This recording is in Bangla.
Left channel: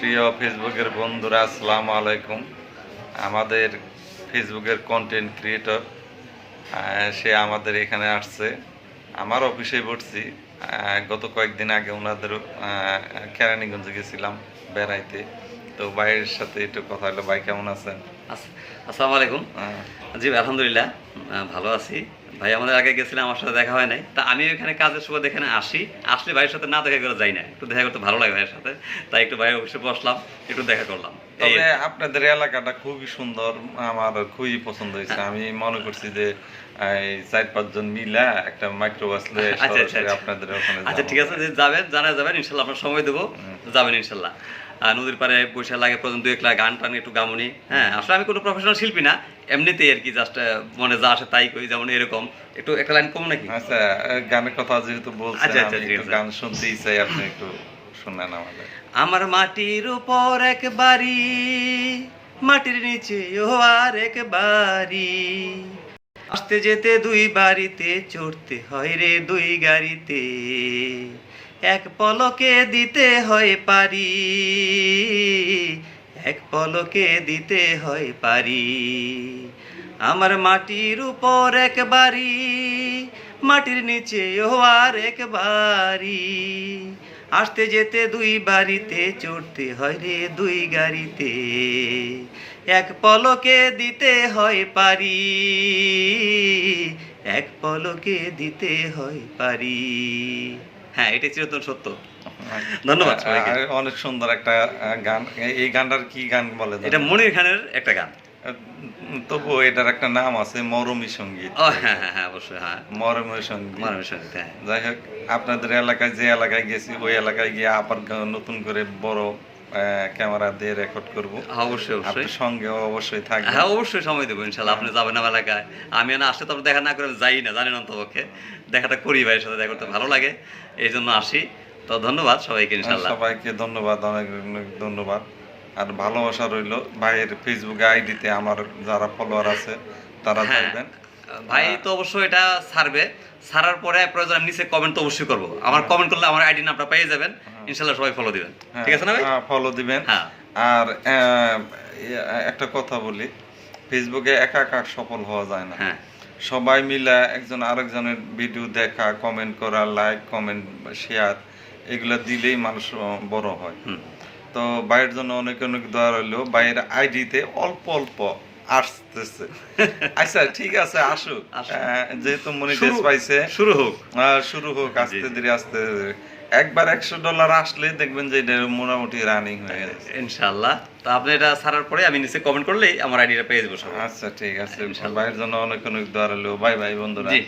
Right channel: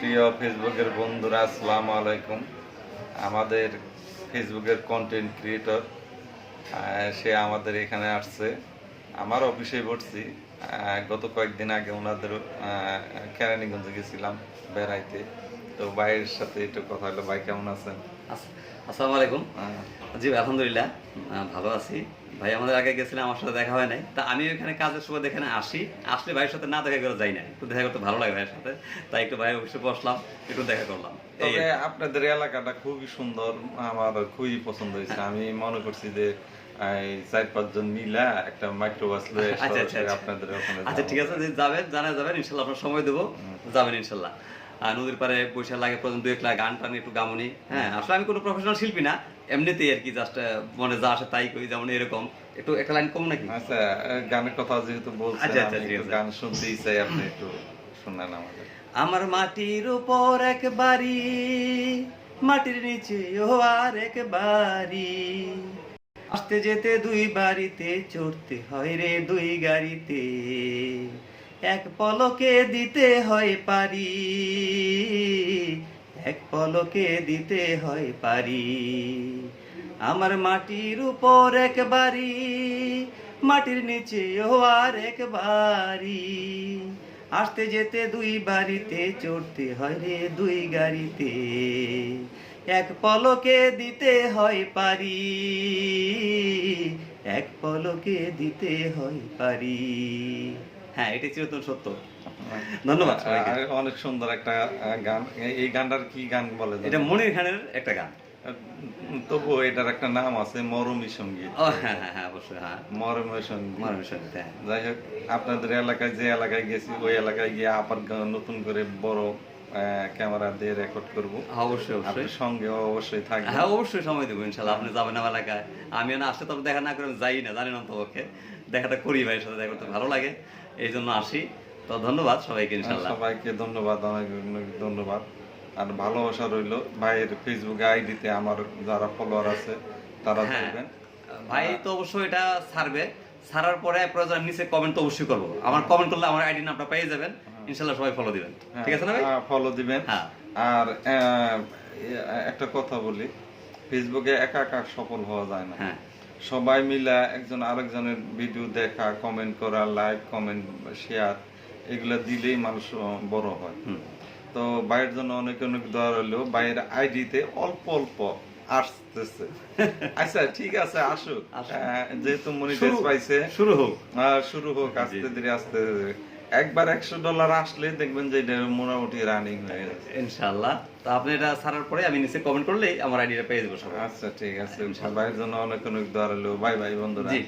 প্রিয় ফেসবুকের বন্ধুরা আসসালামু আলাইকুম। আমাদের ফেসবুকের কন্টেন্ট ক্রিয়েটর সে আমাদের এখানে আসছে। আমার অফিসে পড়ছি গত কয়েকদিন আগে ওনাদের কেরানীগঞ্জে গেছিলাম বেড়াইতে। তো ভাইয়ের সাথে একটু কথা হলো। ভাই কেমন আছেন? আস- আসসালামু আলাইকুম। জি আলহামদুলিল্লাহ ভালো আছি। ভাই আমাদের আগে গেছিলাম আমার সাথে দেখা হয় নাই। তা আমি এখানে কাজের সময় এখানে আসি। আসলে ভাইয়ের সাথে না দেখা করে যাই না। একটু দেখা করতে ভালো লাগে ভাইয়ের সাথে। তাই একটু ভাইয়ের অফিসে বসলাম একটু দেখা করলাম। তবে আপনাদের এলাকাটা খুবই সুন্দর আমার খুবই পছন্দ হয়েছে। আমি মনে করছি যে চার পাঁচজন মিলা একটা মাইক্রোবাস লয়ে আচ্ছা, আচ্ছা, আচ্ছা। আপনাদের ওখানে আচ্ছা ঠিক আছে যাবেন জানা যাবেন ইনশাল্লাহ আপনার সময় দেবো। যাবেন ইনশাল্লাহ। নদীর পাড়ে বসে লাগে পর্যন্ত একলা গান টান একটু গামনি। হ্যাঁ আসলে আমি কোনো প্রফেশনাল শিল্পী না এমনিতেই আর কি জাস্ট মনে যা আসে তাই করি যেমন এরকম। একটু একটা লাইন কম নাকি? আচ্ছা গানের কথা যেহেতু বলছেন আচ্ছা, আচ্ছা। গান শুনতেই চাই আপনি একটু শুনেন আমাদের। আমার মাটির উপর এক বাড়ি মাটির নিচে ও আর এক বাড়ি। আসতে যেতে দুই বাড়িতে চড়তে হয় রে দুই গাড়িতে। এক পলকে দিতে হয় পারি। এক পলকে দিতে হয় পারি। আমার মাটির উপর এক মাটির নিচে ও আর এক বাড়ি। আসতে যেতে দুই বাড়িতে, চড়তে হয় রে দুই গাড়িতে। এক পলকে দিতে হয় পারি, এক পলকে দিতে হয় পারি। হ্যাঁ এটা চিরন্তন সত্য। ধন্যবাদ সবাইকে। অনেক সুন্দর একটা গান। এই- গানটার কি গান বলে এটা মনির খানের একটা গান। তবু এটার একটা নাম আছে মরমী সংগীত। ও হ্যাঁ হ্যাঁ হ্যাঁ অবশ্যই হ্যাঁ। মরমী সংগীত। হ্যাঁ। যাই হোক আপনাদের এলাকায় যে এলাকায় গেছি ওই এলাকায় গিয়ে আবার নতুন করে বড় ক্যামেরা দিয়ে রেকর্ড করব। অবশ্যই অবশ্যই। সঙ্গে অবশ্যই থাকবে হ্যাঁ অবশ্যই সময় দেবো ইনশাল্লাহ। আপনি যাবেন আমার এলাকায়। আমি না আসলে তো দেখা না করে যাই না জানেন অন্তপক্ষে। দেখাটা করি ভাইয়ের সাথে দেখা করতে ভালো লাগে। এই জন্য আসি। তো ধন্যবাদ সবাইকে ইনশাল্লাহ সবাইকে ধন্যবাদ অনেক অনেক ধন্যবাদ। আর ভালোবাসা রইল ভাইয়ের ফেসবুক আইডিতে আমার যারা ফলোয়ার আছে তারা হ্যাঁ থাকবেন ভাই তো অবশ্যই এটা ছাড়বে। ছাড়ার পরে প্রয়োজন আমি নিচে কমেন্ট তো অবশ্যই করব। আমার কমেন্ট করলে আমার আইডি নামটা পেয়ে যাবেন। ইনশাল্লাহ সবাই ফলো দিবেন। ঠিক আছে না ভাই? ফলো দিবেন। হ্যাঁ। আর একটা কথা বলি ফেসবুকে একা একা সফল হওয়া যায় না। হ্যাঁ। সবাই মিলে একজন আরেকজনের ভিডিও দেখা কমেন্ট করা লাইক কমেন্ট শেয়ার এগুলো দিলেই মানুষ বড় হয়। তো বাইরের জন্য অনেক অনেক দোয়া রইল। বাইরের আইডিতে অল্প অল্প আসতেছে। আচ্ছা ঠিক আছে আসুক। যেহেতু মনিটাইজ পাইছে শুরু হোক। শুরু হোক আস্তে ধীরে আস্তে। একবার একশো ডলার আসলে দেখবেন যে এটা মোটামুটি রানিং হয়ে গেছে। ইনশাল্লাহ তো আপনি এটা ছাড়ার পরে আমি নিচে কমেন্ট করলেই আমার আইডিটা পেয়ে যাব আচ্ছা ঠিক আছে। ভাইয়ের জন্য অনেক অনেক দোয়া রইল। বাই বাই বন্ধুরা। জি।